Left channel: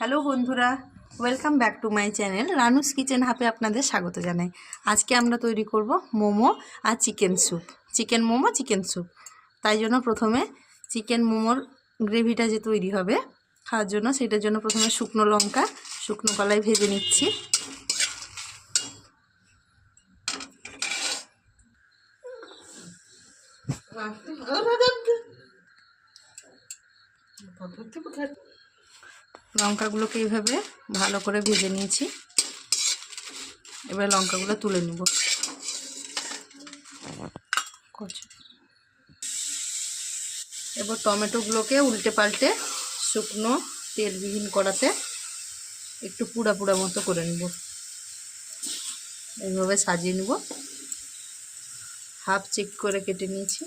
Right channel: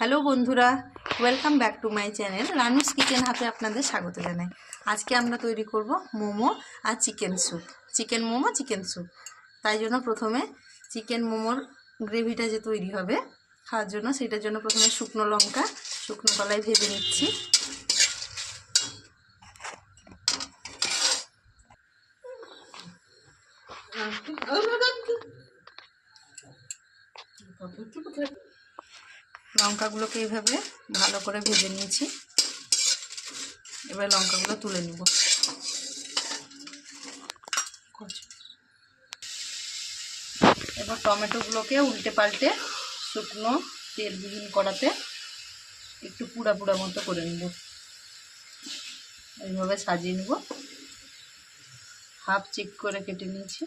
Hello বন্ধুরা, welcome back to my channel Ranu's kitchen হাতে আপনাদের স্বাগত জানাই। আজকে আমরা তৈরি করব মোমো আর chicken soup, chicken momo chicken soup. তাই জন্য প্রথমে চিকেন মোমোর গ্রেভিটা যে তৈরি হবে খাওয়ার জন্য, সেটার জন্য প্রথমে শুকনো লঙ্কা শুকনো কলায় ভেজে নিচ্ছি। লঙ্কাগুলোকে এইভাবে ভালো করে ভেজে নিয়েছি। এবার লঙ্কাগুলো তুলে নেব। এবার টমেটোগুলোকে উল্টে পাল্টে শুকনো তেলবিহীন কড়াতে একটু পুড়া পুড়া মতো করে নেব। এইভাবে সাজিয়ে নেব। হাফ চেক করে কেটে নিয়েছি।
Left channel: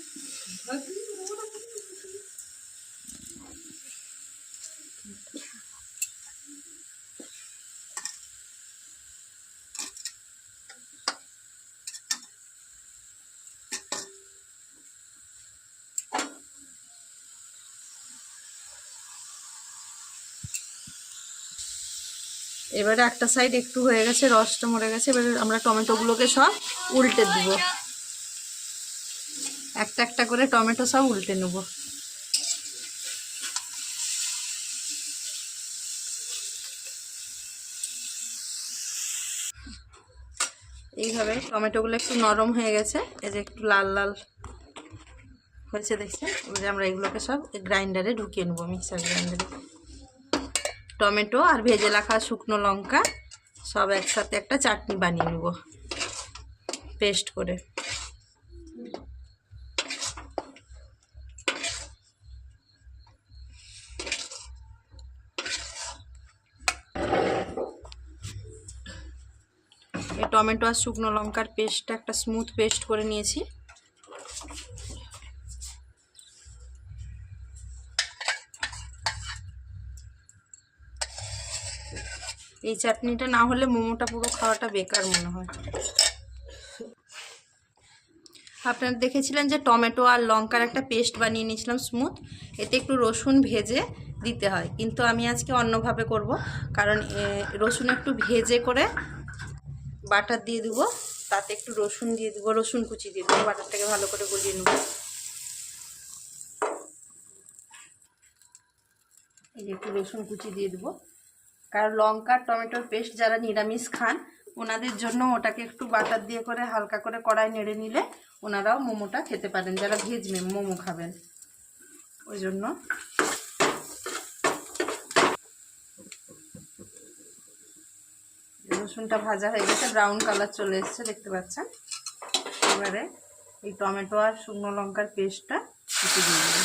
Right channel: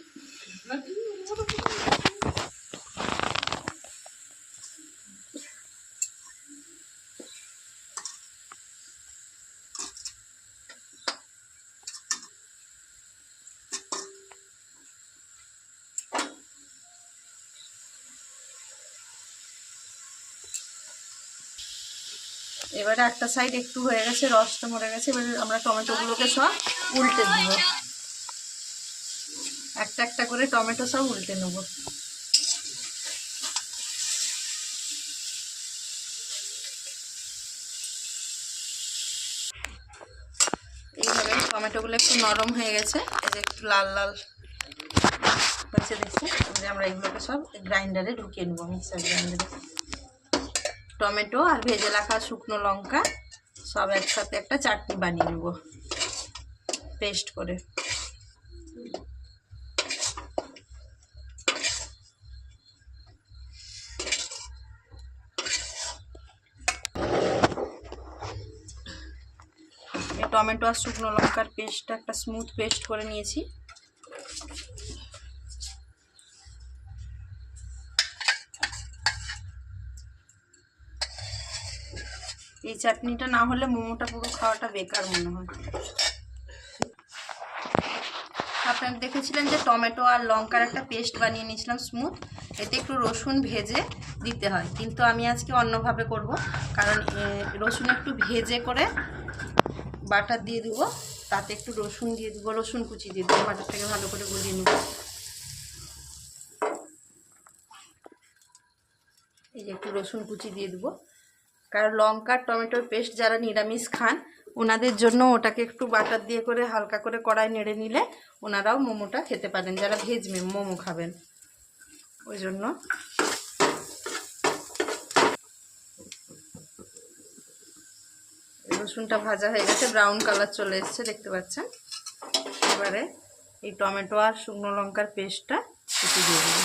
এবারে একটা সাইড একটু হয়ে গেছে, রসটা মরে গেছে। এবারে আমরা টমেটোগুলোকে সব উল্টে দেব। একটা একটা করে টমেটো সব উল্টে নেব। এইভাবে টমেটোগুলো একটু নরম হয়ে গেছে, এই যে একটু লাল লাল হয়েছে দেখছে। এবারে আমরা এগুলোকে সব গ্রাইন্ডারে ঢুকিয়ে নেব, মিক্সার গ্রাইন্ডারে। টমেটো আর ভেজে রাখা শুকনো লঙ্কা সব একসাথে একটা চাটনি বানিয়ে নেব পেস্ট করে। এই টমেটো আর শুকনো লঙ্কার পেস্টটা একটা স্মুথ পেস্ট করে নিয়েছি। এই চাটনিটা না হলে মোমোটা পুরো খাওয়াটা বেকার মনে হয়। আপনারা দেখেছিলেন যে টমেটো আর লঙ্কার একটা পেস্ট বানিয়ে নিয়েছিলাম স্মুথ। এতে একটু রসুন ভেজে দিতে হয়, কিন্তু আমি আজকে অন্যভাবে করব। কারণ রসুন একটু ভেজে করে বাটার দিয়ে দেবো, তাতে একটু রসুন দিয়ে দেবো, রসুন কুচি দিয়ে দেবো, বাটারটাকে ভালো করে গুলিয়ে নেব। এই যে একটু রসুন কুচি দিয়ে দেবো, কারণ লঙ্কা টমেটোর পেস্ট যারা নিরামিষ খান ওনাদের জন্য ওটাকে একটু বাটার দিয়ে করে হালকা করে কড়াই নেড়ে নিলে ওনারাও মোমোটা খেতে পারেন, যারা ভেজ মোমো খাবেন। ওই জন্য রসুনটা ভাজা হয়ে গেছে, ব্রাউন কালার চলে এসেছে দেখতে পাচ্ছেন। এবারে এই টমেটো আর শুকনো লঙ্কার পেস্টটা একটু দিয়ে দেবো।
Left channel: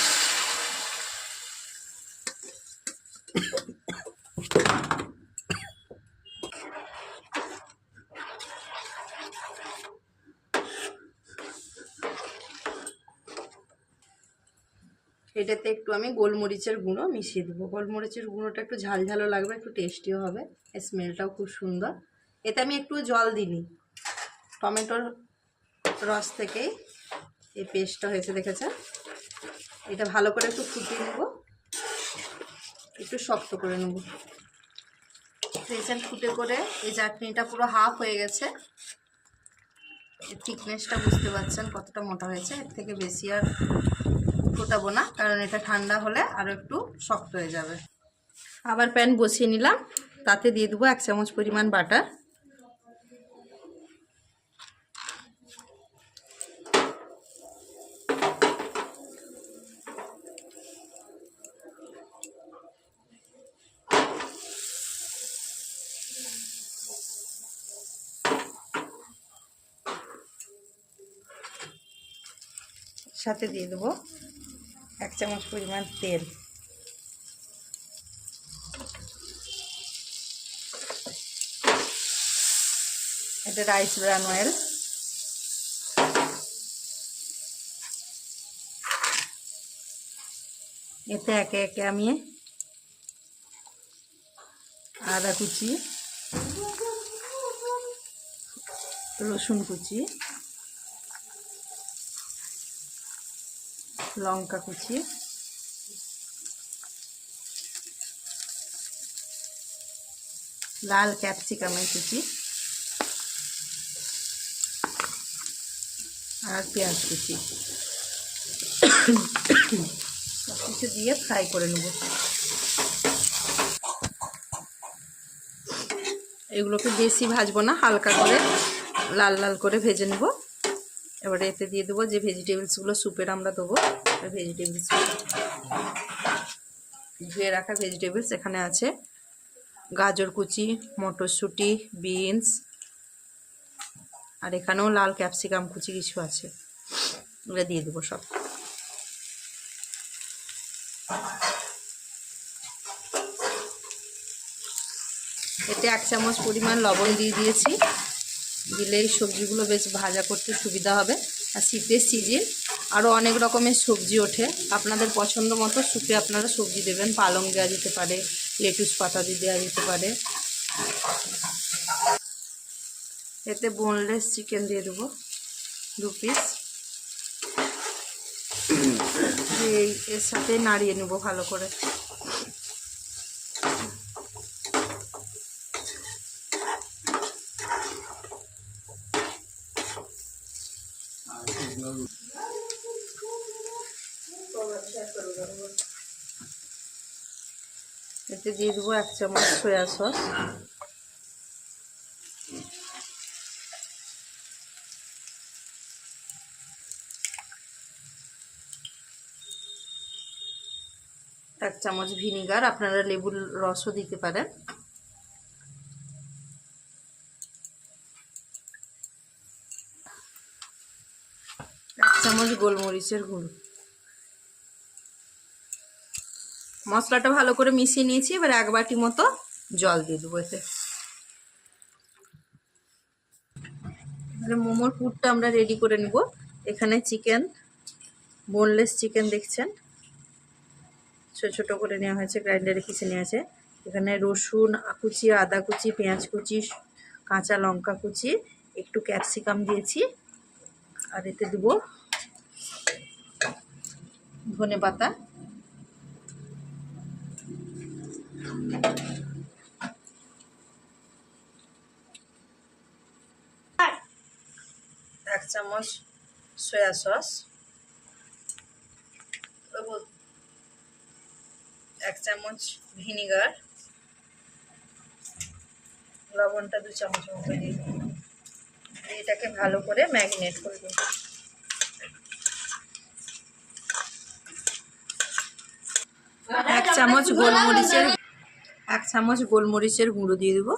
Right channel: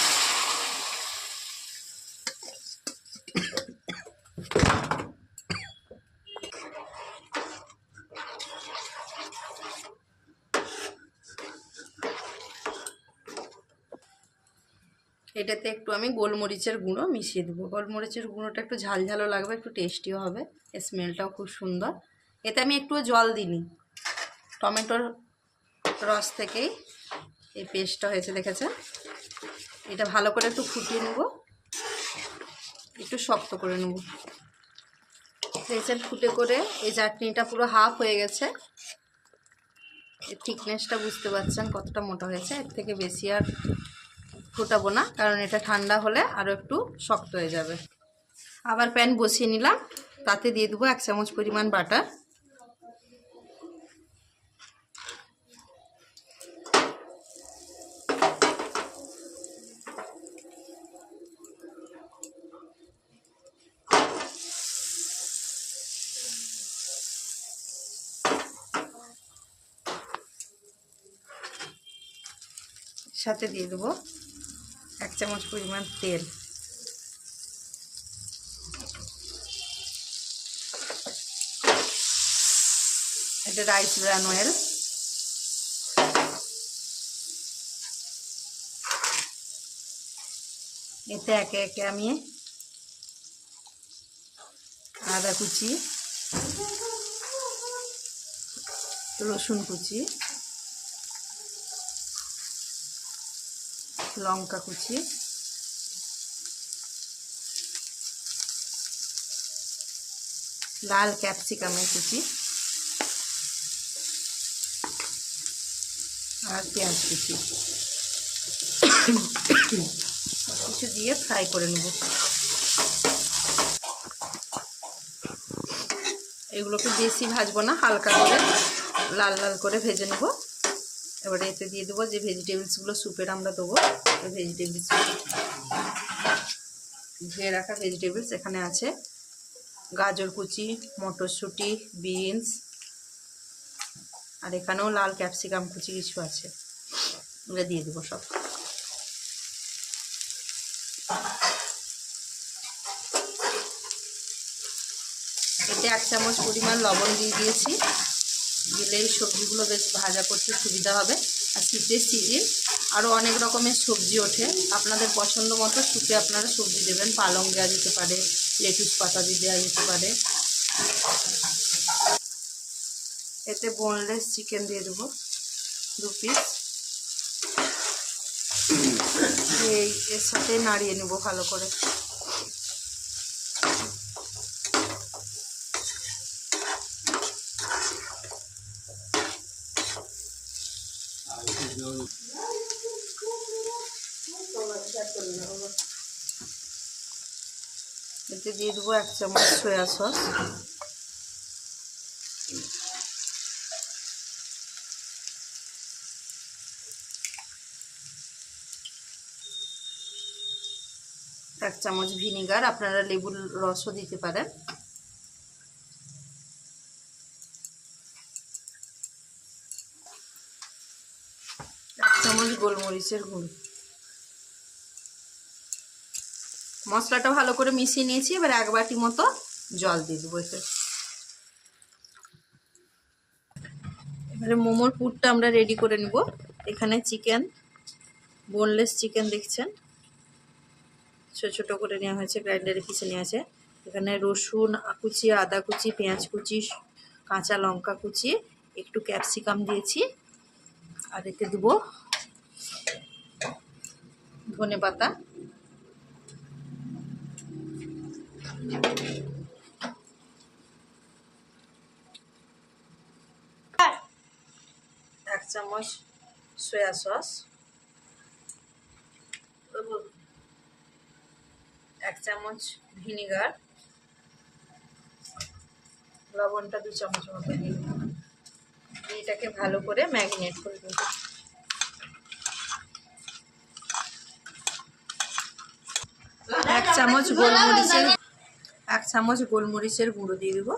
এটাতে একটু আমি গোলমরিচের গুঁড়ো মিশিয়ে দেবো। গোলমরিচের গুঁড়োটা একটু ঝাল ঝালও লাগবে, একটু টেস্টিও হবে, স্মেলটাও খুব সুন্দর। এতে আমি একটু জল দিইনি, টমেটোর রস থেকেই এই পেস্টটা হয়েছে দেখেছেন। এটা ভালো করে একটু ফুটিয়ে নেব, একটু শক্ত করে নেব। দেখছেন ফুটে করে এই চাটনিটা পুরো হাফ হয়ে গেছে। এর থিকনেসটা বুঝতে পারছেন কতটা মোটা হয়েছে। এর থেকে বেশি আর ফোটাবো না, কারণ এটা ঠান্ডা হলে আরও একটু শক্ত হয়ে যাবে। আবার প্যান বসিয়ে নিলাম, তাতে দিয়ে দেবো 1 চামচ পরিমাণ বাটার। সাথে দিয়ে দেবো 1 চামচ পরিমাণ তেল। এটা রাইস ব্রান অয়েল। এতে একে একে আমি আদা কুচি, রসুন কুচি, লঙ্কা কুচি, লাল ক্যাপসিকামের কুচি আর পেঁয়াজ কুচি সব কিছু দিয়ে ফ্রাই করে নেব। এগুলোকে বেশি ভাজবো না, হালকা করে লাল লাল করে ভেজে নেব। এবারে এতে দিয়ে দেবো যে ভেজিটেবলসগুলো স্যুপের আমরা দেবো, ভেজিটেবলস ধুয়ে রাখা ভেজিটেবলস এখানে আছে গাজর কুচি, মটরশুঁটি, বিনস, আর এখানেও লাল ক্যাপসিকাম কুচি কিছু আছে, এগুলো দিয়ে দেবো সব। এতে 1 চামচ পরিমাণ লবণ দিয়ে দিয়েছি, দিলে এই সবজিগুলো বেশ ভাজা করতে সুবিধা হবে। আর শীতের সিজন আরও অনেক রকমের সবজি ওঠে, আপনাদের পছন্দ মতো স্যুপে আপনারা সবজি দেবেন। পালং দেওয়া যেতে পারে, লেটুস পাতা দিয়ে দেওয়া যেতে পারে। এতে বোনলেস চিকেন দিয়ে দেবো 2 পিস। এর সাথে নাড়িয়ে নেব ভালো করে। এতে দিয়ে দেবো 1 চামচ সয়া সস, এক চামচ ভিনিগার, আপনারা লেবুর রসও দিতে পারেন। 1 চামচ গোলমরিচের গুঁড়ো। মশলাটা ভালো করে মিশিয়ে নিয়েছি, এবার 1 বাটি মতো জল দিয়ে দেবো এতে। এবারে মোমোর পুরটা আমরা রেডি করে নেব। এখানে চিকেন, বোনলেস চিকেন দেখছেন, ছোটো ছোটো করে নেওয়া হয়েছে, গ্রাইন্ডারে পিষে নেওয়া আছে। এখানে রসুন কুচি, আদা কুচি, পেঁয়াজ কুচি, কাঁচা লঙ্কা কুচি, একটু ক্যাপসিকাম দিয়েছি, আর এতে দেবো ধনে পাতা, আর 1 চামচ সয়া সস, 1 চামচ ভিনিগার, লবণটা 2 চামচ মতো দিয়ে এটাকে ভালো করে ম্যারিনেট করে দেবো। এক চামচ গোলমরিচের গুঁড়ো দিয়ে দেবো,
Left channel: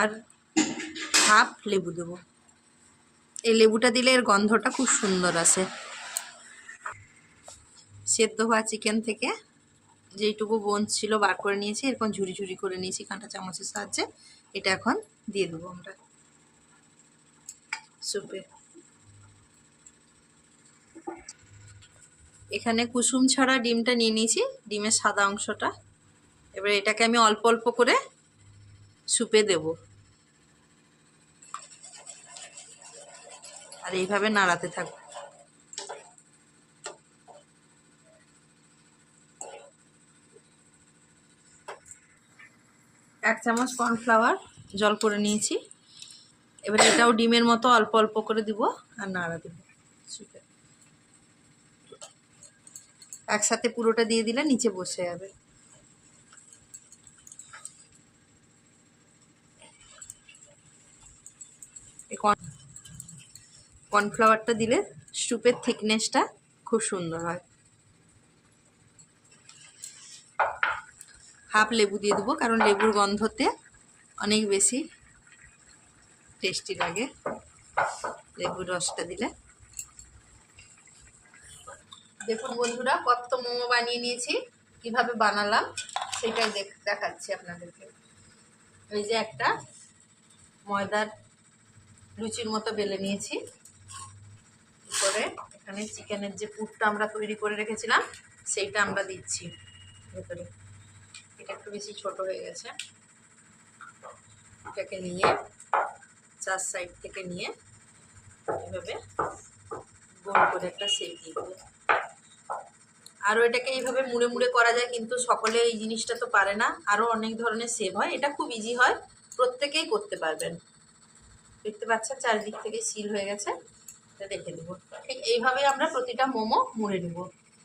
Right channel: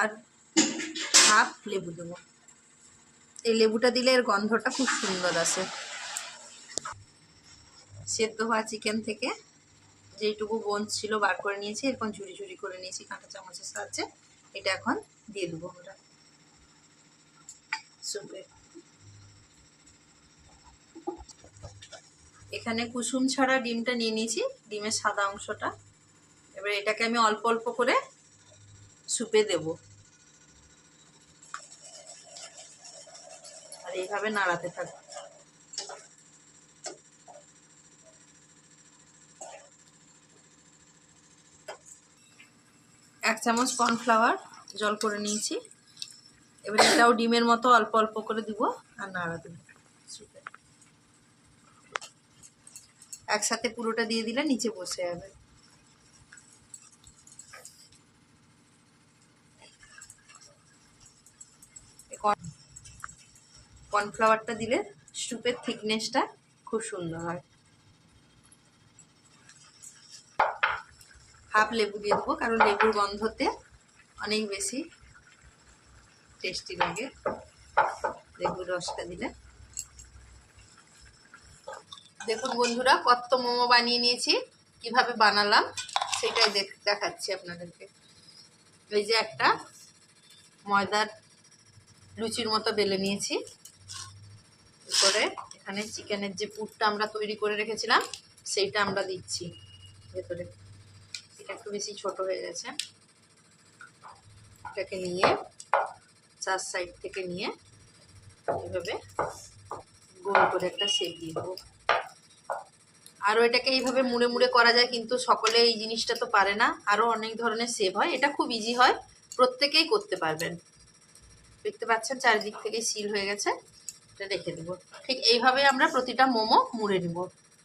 আর হাফ লেবু দেবো। এই লেবুটা দিলে এর গন্ধটা খুব সুন্দর আসে। সেদ্ধ হওয়া চিকেন থেকে যেইটুকু বোন ছিল বার করে নিয়েছি, এরকম ঝুরি ঝুরি করে নিয়েছি কাঁটা চামচের সাহায্যে। এটা এখন দিয়ে দেবো আমরা স্যুপে। এখানে কুসুম ছাড়া ডিমটা নিয়ে নিয়েছি, ডিমের সাদা অংশটা। এবার এটাকে আমি অল্প অল্প করে স্যুপে দেব, আর এইভাবে নাড়াতে থাকবো। এক চামচ কর্নফ্লাওয়ার জল করে নিয়েছি, এবার এটাও ডিমের মতো অল্প অল্প করে দিব আর নাড়া দেবো। একসাথে পুরোটা দিয়ে দিলে নিচে বসে যাবে। কর্নফ্লাওয়ারটা দিলে স্যুপের থিকনেসটা খুব সুন্দর হয়। হাফ লেবু দিয়ে দেবো, কারণ লেবুর গন্ধতে অনেক বেশি টেস্টি লাগে লেবুর রসটা দিলে। দেখুন বন্ধুরা, কত মোমো বানিয়ে নিয়েছি, কিভাবে বানালাম সেটাই দেখাচ্ছি আপনাদেরকে। এই যে একটা ময়দার লুচির মতো বেলে নিয়েছি, করে এখানে চিকেনের যে পুরটা আমরা তৈরি করে রেখেছিলাম সেইটা আমরা দিচ্ছি ভেতরে। এটা একটু বেশি ছোট হয়ে গেছে, এটাকে নিয়ে 4 সাইড থেকে নিয়ে এভাবে গোল করে একটা শেপ দিয়ে দেবো। আরও এটাকে এইভাবে মুড়ে মুড়ে করা যায়, কিন্তু সকলে এই জিনিসটা তো পারে না, আরও অনেক ধরনের শেপ হয়। এটা খুব ইজি হয়, প্রত্যেকেই করতে পারবেন। দেখতে পাচ্ছেন চারিদিক থেকে সিল হয়ে গেছে, এটা রেখে দেবো। ঠিক এইভাবেই আমরা প্রতিটা মোমো মুড়ে নিব।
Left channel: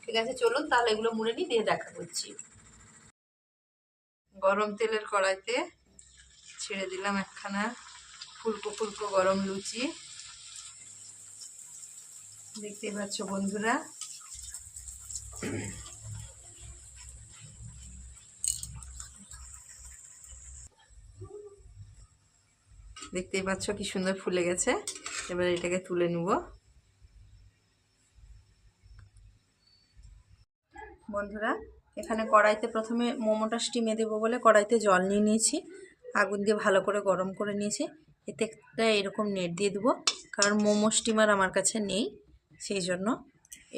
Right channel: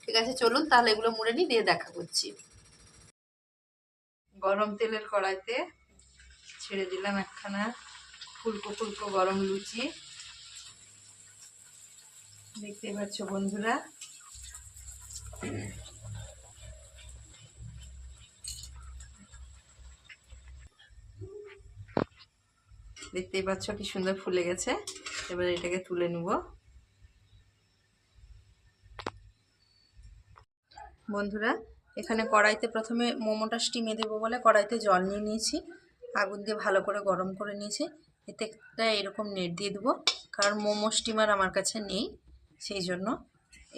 ঠিক আছে, চলুন তাহলে এগুলো মুড়ে নিই, দিয়ে দেখা করছি। গরম তেলের কড়াইতে ছেড়ে দিলাম একখানা ফুলকো ফুলকো গরম লুচি। দেখতেই পাচ্ছ বন্ধুরা, দেখতেই পাচ্ছ কি সুন্দর ফুলে গেছে। এবার এটাকে তুলে নেব। বন্ধুরা, এখানে কড়াইতে প্রথমে মোমোটা স্টিমে দেবো বলে কড়াইতে জল নিয়ে নিয়েছি, আগুন দিয়ে ভালো করে গরম করে নিয়েছি। এতে একটা এরকম নেট দিয়ে দেবো, কারণ মোমো স্টিমার আমার কাছে নেই, সেই জন্য।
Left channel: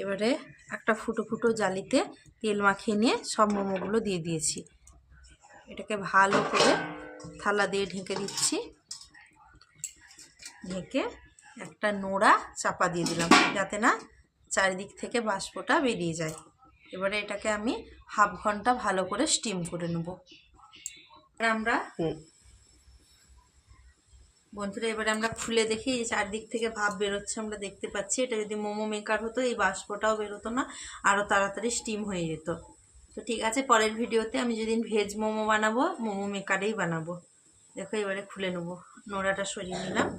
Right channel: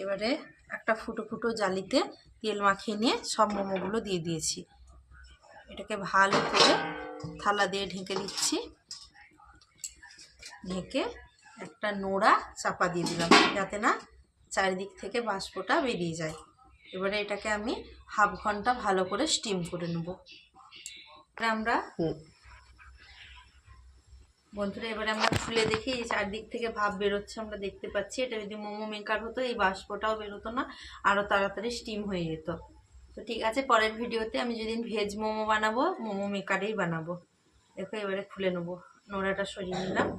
এবারে একটা ফুটো ফুটো জালিতে তেল মাখিয়ে নিয়ে সব মোমোগুলো দিয়ে দিয়েছি। এটাকে ভালো করে থালা দিয়ে ঢেকে দিচ্ছি। ঢেকে একটা নোড়া চাপা দিয়ে দিলাম, যাতে না চারিদিক থেকে বাষ্পটা বেরিয়ে যায়। এবারে এটাকে আমি হাফ ঘন্টা ভালো করে স্টিম করে নেব। আমরা বন্ধুরা এবারে আমরা খুলে দেখি, এই চারদিক থেকে ভাপ বেরোচ্ছে, আমরা দেখতে পাচ্ছি। এটা যদি মোমো মেকার হতো এই বাষ্পটাও বেরোতো না, আরও তাড়াতাড়ি স্টিম হয়ে যেত। তো ঠিক আছে, পরের ভিডিওতে আমি যেদিন ভেজ মোমো বানাবো মোমো মেকারেই বানাবো। দেখো এবারে খুলে নেবো, নোড়াটা সরিয়ে নিলাম।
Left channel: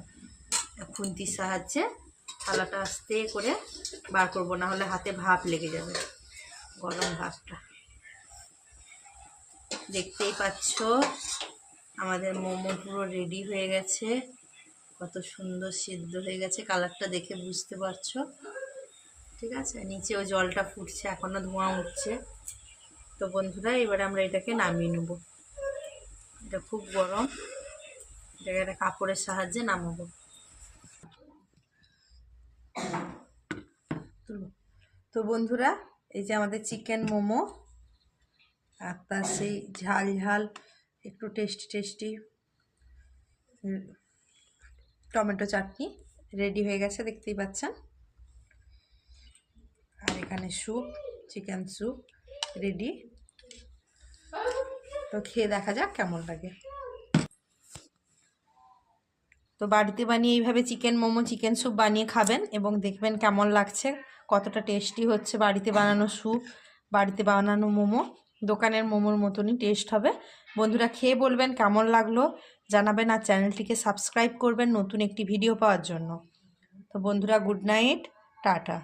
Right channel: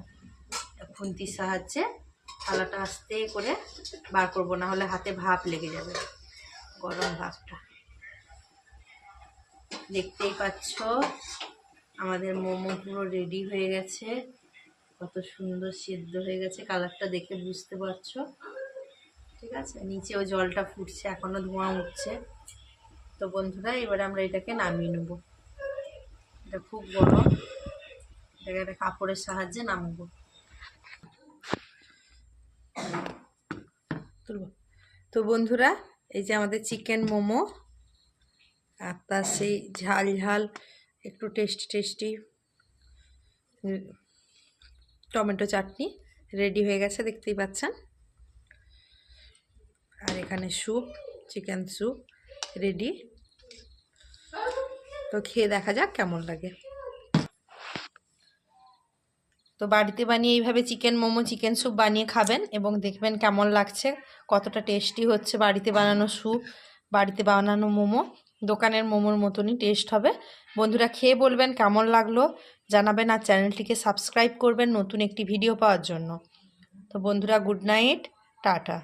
খুন্তির সাহায্যে থালাটা আস্তে করে বার করবো, না হলে হাতে ভাপ লেগে যাবে, গরম ভাপটা। দেখতেই পাচ্ছ আমাদের মোমো পুরো রেডি হয়ে গেছে, কত সুন্দর সিদ্ধ হয়ে গেছে, কালারটা দেখে বুঝতে পারছো। ঠিক আছে, নিচেও জলটা ফুটছে, এখনো ধোঁয়া উঠছে। তো বন্ধুরা এবারে আমরা এটাকে নামিয়ে নেব। এটা খুব গরম, এটাকে একটা কাপড়ের সাহায্যে নামাবো। তো বন্ধুরা, এই যে আমাদের চিকেন মোমো আর তার সেই ঝাল ঝাল একটু টেস্টি টেস্টি টমেটো চাটনি রেডি হয়ে গেছে, দেখতেই পাচ্ছেন। আর এখানে স্যুপ, চিকেন স্যুপ রেডি। তো খেয়ে দেখা যাক কেমন লাগে। তো বাড়িতে বানিয়ে এইভাবে চিকেন মোমো, চিকেন স্যুপ বানিয়ে খাবেন এবং দেখবেন কেমন লাগছে, কতটা টেস্টি হচ্ছে। বাড়িতে বানানো স্যুপ, বাড়িতে বানানো মোমো দোকানের মোমোর মতনই টেস্ট হবে। বন্ধুরা খেয়ে বলবেন কেমন লাগলো, জানাবেন। আর চ্যানেলটিকে সাবস্ক্রাইব করবেন নতুন একটি ভিডিও পাওয়ার জন্য। তো বন্ধুরা গুড নাইট, টাটা।